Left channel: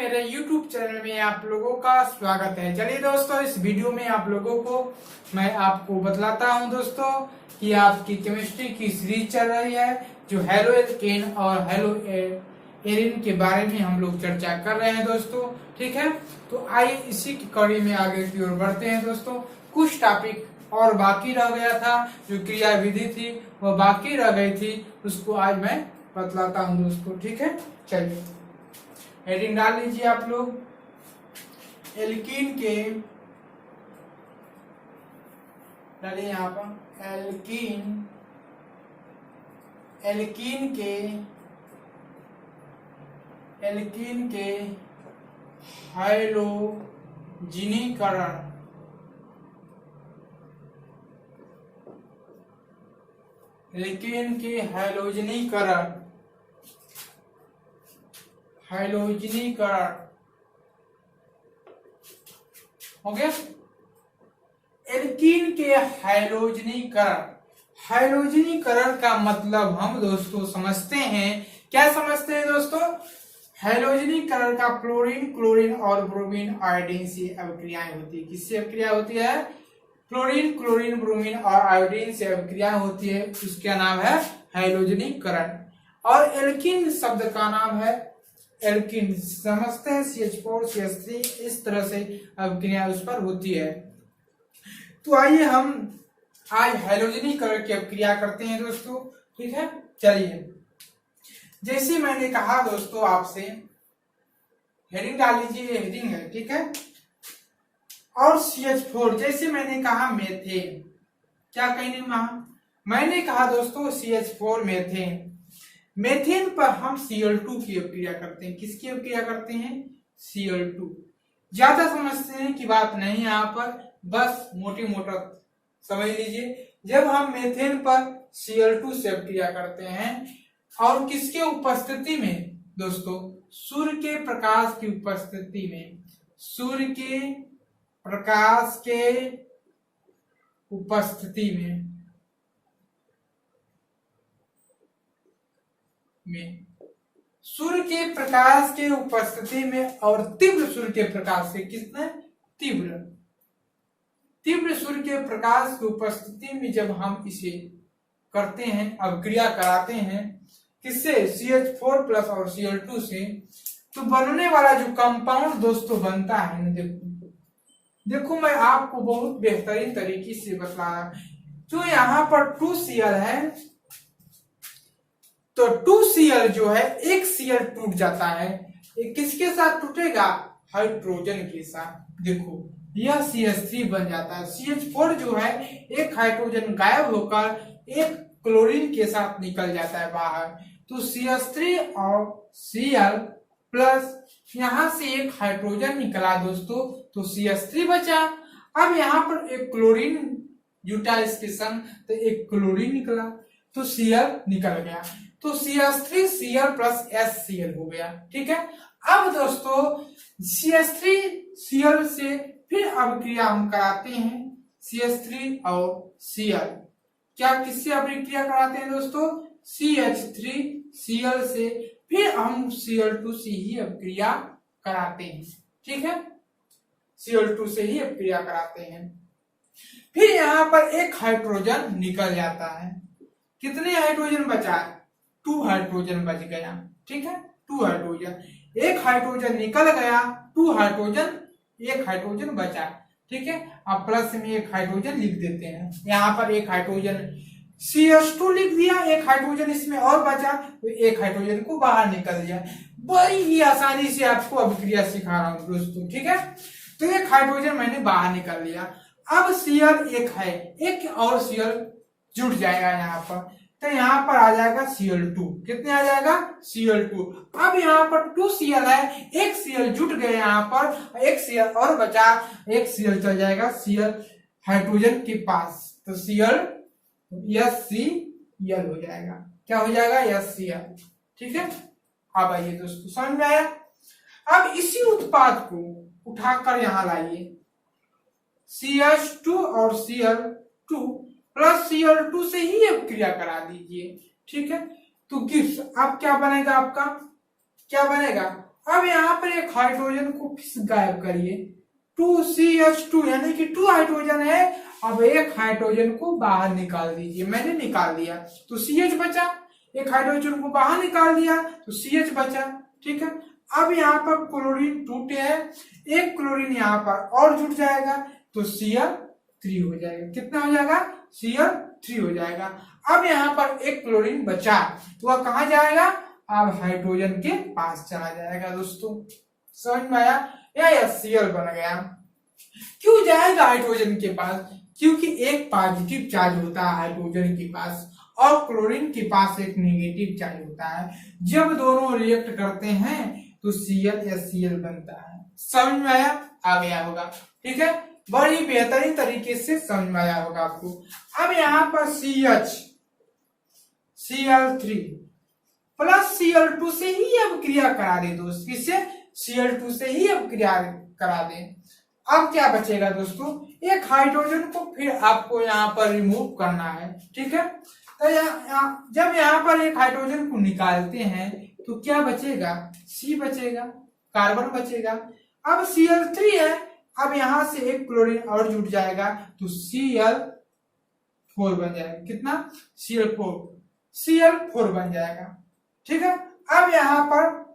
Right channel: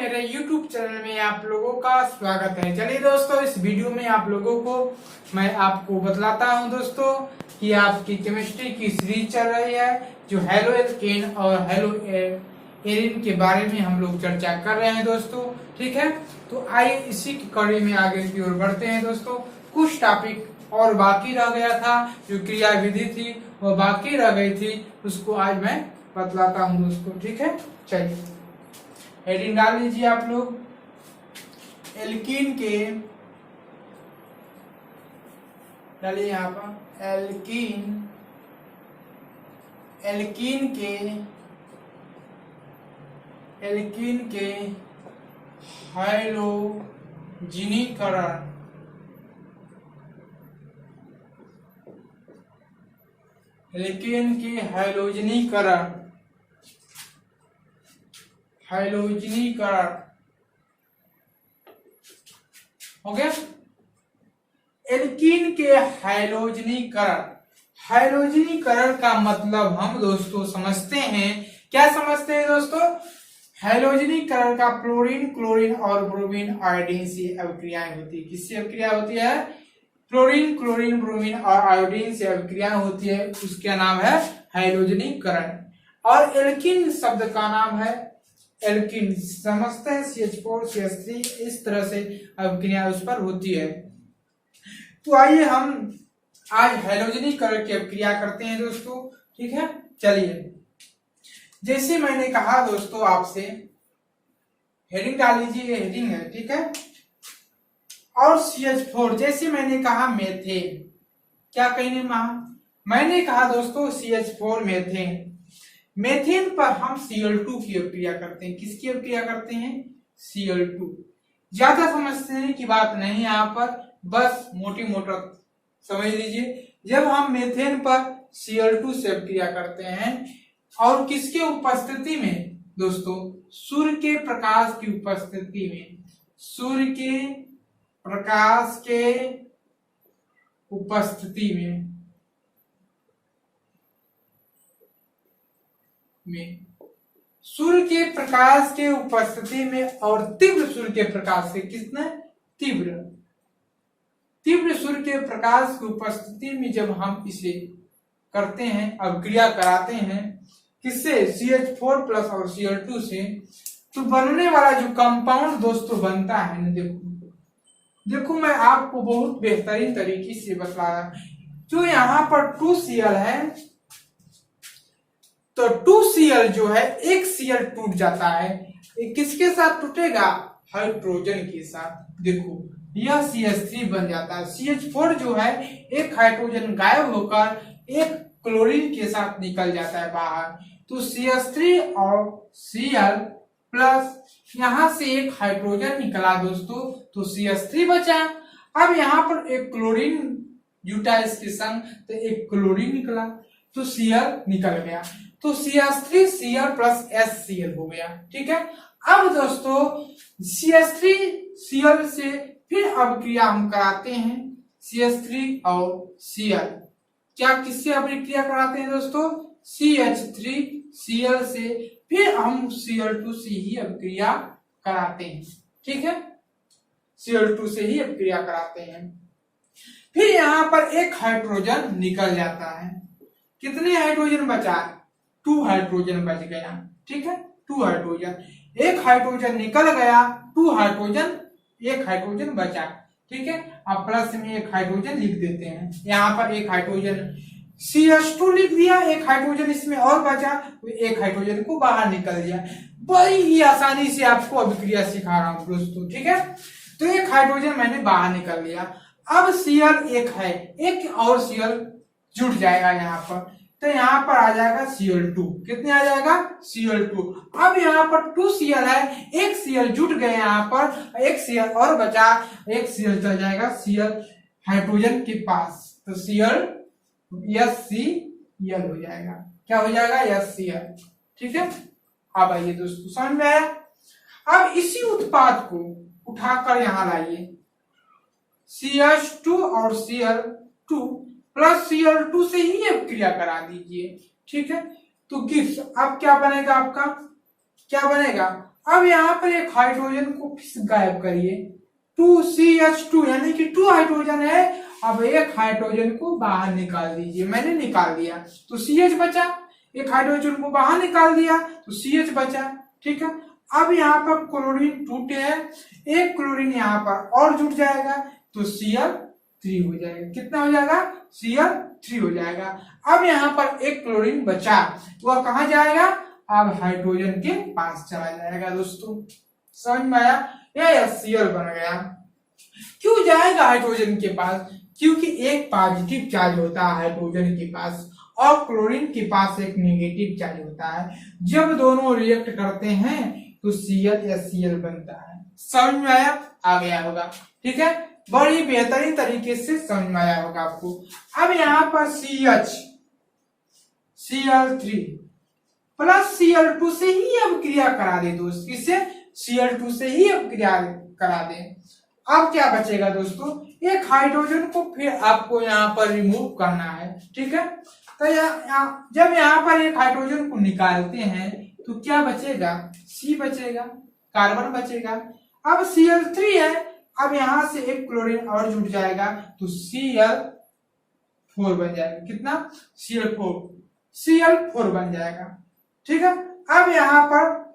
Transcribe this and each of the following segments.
मेरे YouTube channel में आप लोगों का स्वागत है। चलिए दोस्तों, इस वीडियो में आप लोगों को मैं आपको बतलाता हूं दोस्तों कि आपकी केमिस्ट्री की सीरीज चल रही है, जो हेलो एल्केन और हेलो एरिन के बारे में हम लोग चर्चा कर रहे हैं दोस्तों। ठीक है, तो आइए इसी की कड़ी में आगे की ओर बढ़ते हैं दोस्तों। कुछ टॉपिक और बाकी रह गया था, जो क्रिया विधि थी वो बाकी रह गई थी, उसको आज मैं बतलाता हूं दोस्तों। ठीक है, चलिए हेडिंग डाल लीजिए आप लोग। एल्कीन के डालिए यहाँ पर एल्कीन एल्कीन के हैलोजिनीकरण एल्कीन के हैलोजिनीकरण हो गया। एल्कीन के हैलोजिनीकरण का मतलब हम दोस्तों समझते हैं। क्या समझते हैं दोस्तों? हैलोजिनीकरण का क्लोरीन और ब्रोमीन आयोडीन से अभिक्रियाएं होती है। किससे अभिक्रिया होती है? क्लोरीन ब्रोमीन और आयोडीन से अभिक्रिया होती है, उसका नाम है हैलोजिनीकरण। और एल्कीन शब्द का नाम है एल्कीन, समझते हैं CH4 CH3, इस तरह से अभिक्रिया उस पर होती है। तो आइए हम आज हैलोजिनीकरण की अभिक्रिया करते हैं दोस्तों। ठीक है, चलिए जैसे मैंने कहा दोस्तों आपसे, हेडिंग डाल लीजिए, हेडिंग है। ठीक है, और CH4 जैसे मैंने कहा मेथेन, क्या कहीं मैंने कहा दोस्तों CH4 मेथेन पर हम Cl2 की अभिक्रिया करते हैं। किसकी अभिक्रिया करते हैं? Cl2। ज्यादा समझने की बात नहीं यहाँ पर, बस मोटी मोटा समझ लीजिए। जब हम मेथेन पर Cl2 से अभिक्रिया करते हैं और किसके उपस्थिति में दोस्तों? सूर्य के प्रकाश की उपस्थिति में, सूर्य के प्रकाश के उपस्थिति में सूर्य के प्रकाश के उपस्थिति में और तीव्र सूर्य के प्रकाश से, किसने? तीव्र सूर्य के प्रकाश की उपस्थिति में जब हम इसे करते हैं, अभिक्रिया कराते हैं, किससे? CH4 प्लस और Cl2 से, तो बनने वाला जो कंपाउंड दोस्तों बनता है ना, देखो मैं आपको बहुत बेहतरीन तरीके से बता रहा। जो यहाँ पर 2Cl है, तो 2Cl जो है, एक Cl टूट जाता है, किसके साथ टूटेगा? हाइड्रोजन के साथ। देखो यह CH3 बन जाता है। CH4 जो है, एक हाइड्रोजन गायब होकर एक क्लोरीन के साथ निकल जाता है बाहर, तो CH3 और Cl प्लस यहां से एक हाइड्रोजन निकला दोस्तों, तो CH3 बचा। अब यहाँ पर एक क्लोरीन जुटा इसके संग, तो एक क्लोरीन निकला, तो Cl निकल गया, तो CH3 Cl प्लस HCl हो गया। ठीक है, अब दोस्तों CH3 Cl से फिर अभिक्रिया हम कराते हैं, CH3 और Cl। क्या किससे अभिक्रिया कराते हैं दोस्तों? CH3 Cl से, फिर हम Cl2 से ही अभिक्रिया कराते हैं। ठीक है, Cl2 से ही अभिक्रिया कराते हैं। फिर यहाँ पर एक हाइड्रोजन निकल जाता है। कितने हाइड्रोजन बचा? 2 हाइड्रोजन बच गया। ठीक है, 2 हाइड्रोजन, एक हाइड्रोजन निकल गया, 2 हाइड्रोजन, एक हाइड्रोजन बचा। ठीक है, अब प्लस में एक हाइड्रोजन लिख देते हैं। यहाँ पर एक हाइड्रोजन CH2 लिख दिया, एक हाइड्रोजन इसमें और बचा, तो एक हाइड्रोजन को बाहर निकल दिया। बड़ी ही आसानी से आपको अभिक्रिया सिखा रहा हूं दोस्तों। ठीक है, तो एक हाइड्रोजन मैंने बाहर निकल लिया। अब Cl एक है, एक और Cl जुट जाएगा यहाँ पर, तो यहाँ पर आ जाएगा Cl2। कितने आ जाएगा? Cl2। अब यहाँ पर 2Cl है, एक Cl जुट गए यहाँ पर, एक Cl और बचा, एक Cl चल जाएगा Cl हाइड्रोजन के पास, तो Cl HCl हो जाएगा। क्या हो जाएगा? HCl। ठीक है, अब आइए दोस्तों, समझ में आया? अब इसी उत्पाद को उठाकर यहाँ लाइए, CH2 और Cl2 प्लस Cl2 से ही अभिक्रिया करा दीजिए। ठीक है, तो गिब्स अब क्या बनेगा? आपका क्या बनेगा? अब यहाँ पर एक हाइड्रोजन को फिर गायब करिए, 2CH2 यानी कि 2 हाइड्रोजन है। अब एक हाइड्रोजन को बाहर निकाल दीजिए, मैंने निकाल दिया तो CH बचा, एक हाइड्रोजन को बाहर निकाल दिया तो CH बचा, ठीक है। अब यहाँ पर क्लोरीन टूटे हैं, एक क्लोरीन यहाँ पर और जुड़ जाएगा तो Cl3 हो जाएगा। कितना हो जाएगा? Cl3 हो जाएगा। अब यहाँ पर एक क्लोरीन बचा तो वह कहाँ जाएगा? अब हाइड्रोजन के पास चला जाएगा दोस्तों, समझ में आया? या HCl बन गया। क्यों जाएगा हाइड्रोजन के पास? क्योंकि एक पॉजिटिव चार्ज होता है हाइड्रोजन के पास और क्लोरीन के पास एक नेगेटिव चार्ज होता है। जब दोनों रिएक्ट करते हैं तो Cl बनता है। समझ में आया? आ गया होगा, ठीक है। बड़ी बेहतरीन तरीके से समझ में आया होगा आपको। अब यहाँ पर Cl3 प्लस Cl2 से ही अब क्रिया करा दे दोस्त, किससे? Cl2 से ही अब क्रिया करा दे। अब क्या बचेगा दोस्तों? एक हाइड्रोजन को फिर आपको यहाँ पर रिमूव करना है, ठीक है। तो जब यहाँ पर एक हाइड्रोजन को निकालते हैं तो क्या बचेगा? C बचेगा, कार्बन बचेगा। अब Cl3 है, अब यहाँ से एक क्लोरीन और जुड़ जाएगा तो Cl4 बन जाएगा। कितना? Cl4 बन जाएगा, ठीक है। अब यहाँ पर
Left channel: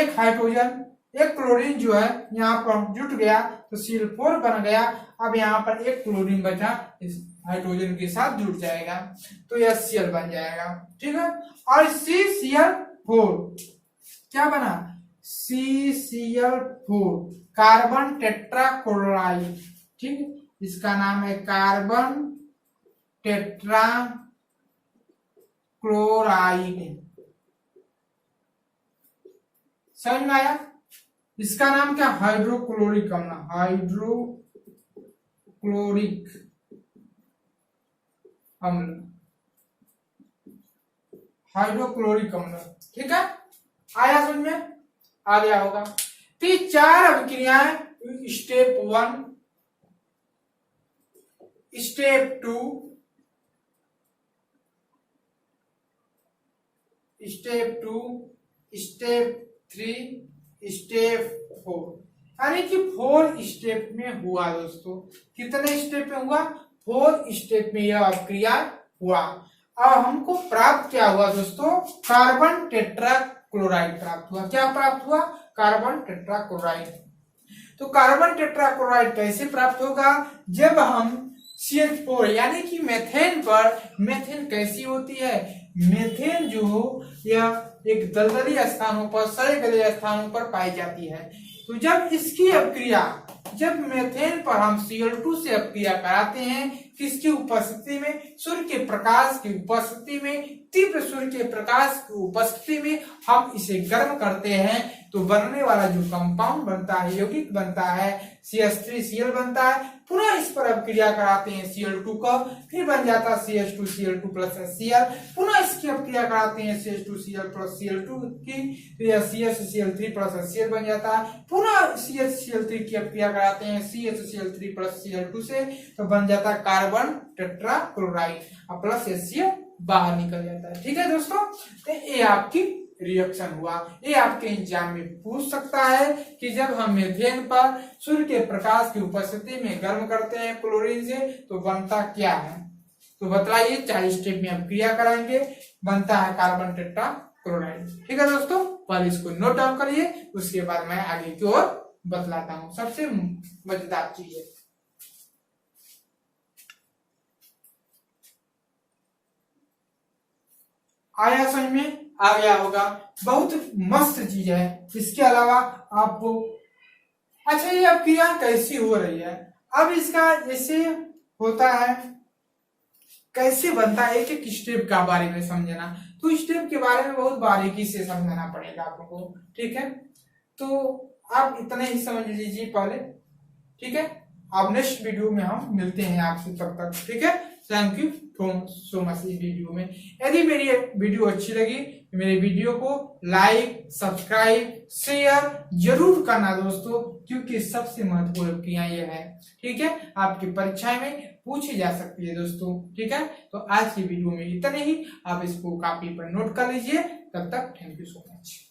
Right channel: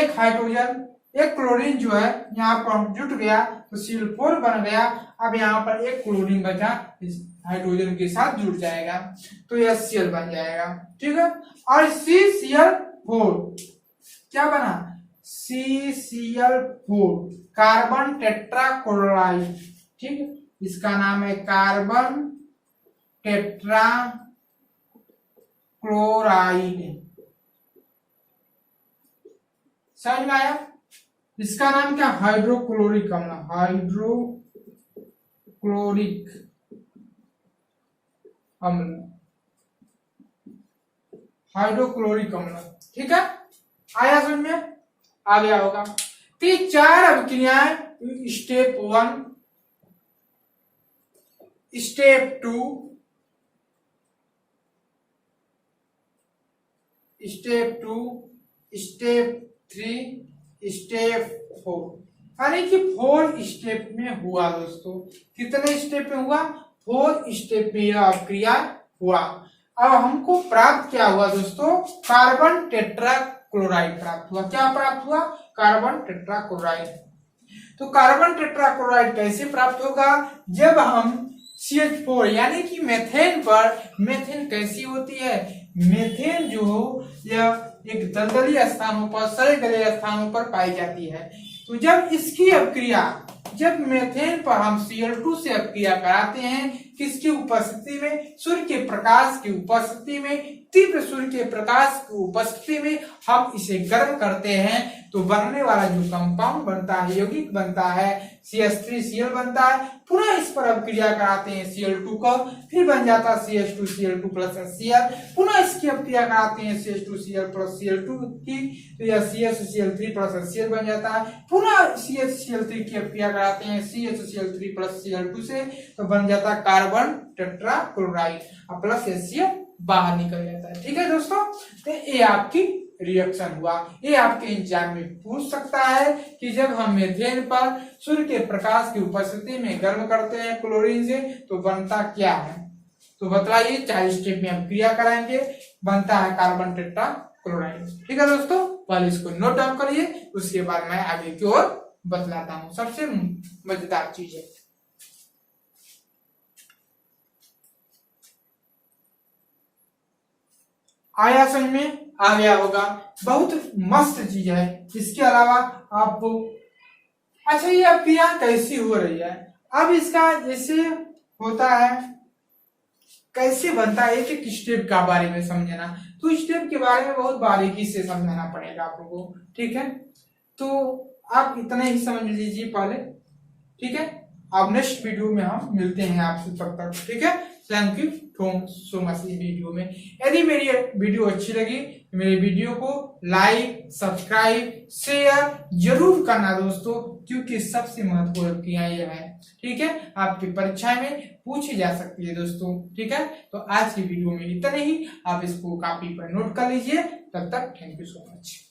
एक हाइड्रोजन, एक क्लोरीन जो है यहाँ पर जुट गया तो Cl4 बन गया। अब यहाँ पर एक क्लोरीन बचा, इस हाइड्रोजन के साथ जुड़ जाएगा तो HCl बन जाएगा, ठीक है। और CCl4 क्या बना? CCl4 कार्बन टेट्राक्लोराइड, ठीक है। इसका नाम है कार्बन टेट्राक्लोराइड। समझ में आया? इसका नाम क्या? हाइड्रोक्लोरिक अम्ल, हाइड्रोक्लोरिक अम्ल, हाइड्रोक्लोरिक अम्ल, ठीक है। आया समझ में? आ गया होगा। तो 4 अभिक्रियाएं, स्टेप 1, स्टेप 2, स्टेप 3, स्टेप 4, यानी कि 4 स्टेप में हुआ दोस्तों। कितने स्टेप में हुआ? 4 स्टेप में यह अभिक्रिया हुआ। अब हमको प्राप्त क्या हुआ दोस्तों? कार्बन टेट्राक्लोराइड प्राप्त हुआ। क्या प्राप्त हुआ? Carbon tetrachloride. तो कार्बन टेट्राक्लोराइड कैसे प्राप्त होगा? जब हम CH4 यानी कि मेथेन पर, मेथेन कैसी होती है? मेथेन जो हो यह एक दलदली स्थानों पर, सड़े गले स्थानों पर पाई जाती है। तो जब इसकी अपक्रिया, जब मेथेन पर हम Cl2 से अपक्रिया कराते हैं, किसकी उपस्थिति में? सूर्य के प्रकाश की उपस्थिति में, तीव्र सूर्य के प्रकाश की उपस्थिति में हम इसे गर्म करते हैं तो बनने वाला जो कंपाउंड बनता है, यौगिक बनता है, CH3Cl बनता है। पुनः इस पर अपक्रिया कराते हैं Cl2 को, फिर बन जाता है CH2Cl2 प्लस HCl। पुनः इसकी अपक्रिया कराते हैं CH2Cl प्लस Cl2 की, तो यह CHCl3 प्लस HCl बन जाता है। पुनः CHCl3 की अपक्रिया कराते हैं CHCl3 प्लस Cl2 से, तो बन जाता है कार्बन टेट्राक्लोराइड और प्लस HCl बाहर निकल जाता है, ठीक है दोस्तों। तो ये आपकी रिएक्शन हुआ। ये आपके एग्जाम में पूछ सकता है कि जब हम मेथेन पर सूर्य के प्रकाश की उपस्थिति में गर्म करते हैं क्लोरीन से तो बनता क्या है? तो बतलाइए। 4 स्टेप में हम क्रिया कराएंगे, बनता है कार्बन टेट्राक्लोराइड, ठीक है दोस्तों। पहले इसको नोट डाउन करिए, उसके बाद मैं आगे की ओर बतलाता हूँ। सबसे मजेदार चीज है, आया समझ में? आ गया होगा। बहुत मस्त चीज है। इसके अलावा आपको, अच्छा ये अब क्रिया कैसी हो रही है? अब इसका जैसे होता है, कैसे बनता है, एक एक स्टेप का बारे में समझना। तो स्टेप के बारे में बहुत बारीकी से समझना पड़ेगा आप लोगों को, ठीक है। तो आप इतना ही समझ लीजिए पहले, ठीक है। अब नेक्स्ट वीडियो में हम मिलते हैं आपसे, तब तक ठीक है। थैंक यू सो मच इस वीडियो में। यदि मेरी वीडियो अच्छी लगी तो मेरे वीडियो को लाइक, सब्सक्राइब, शेयर जरूर करना दोस्तों, क्योंकि सबसे महत्वपूर्ण क्रिया यह है, ठीक है। आपकी परीक्षा में पूछी जा सकती है दोस्तों, ठीक है। तो आज की वीडियो में इतना ही। आप इसको कॉपी पर नोट कर लीजिए। तब तक थैंक यू सो मच।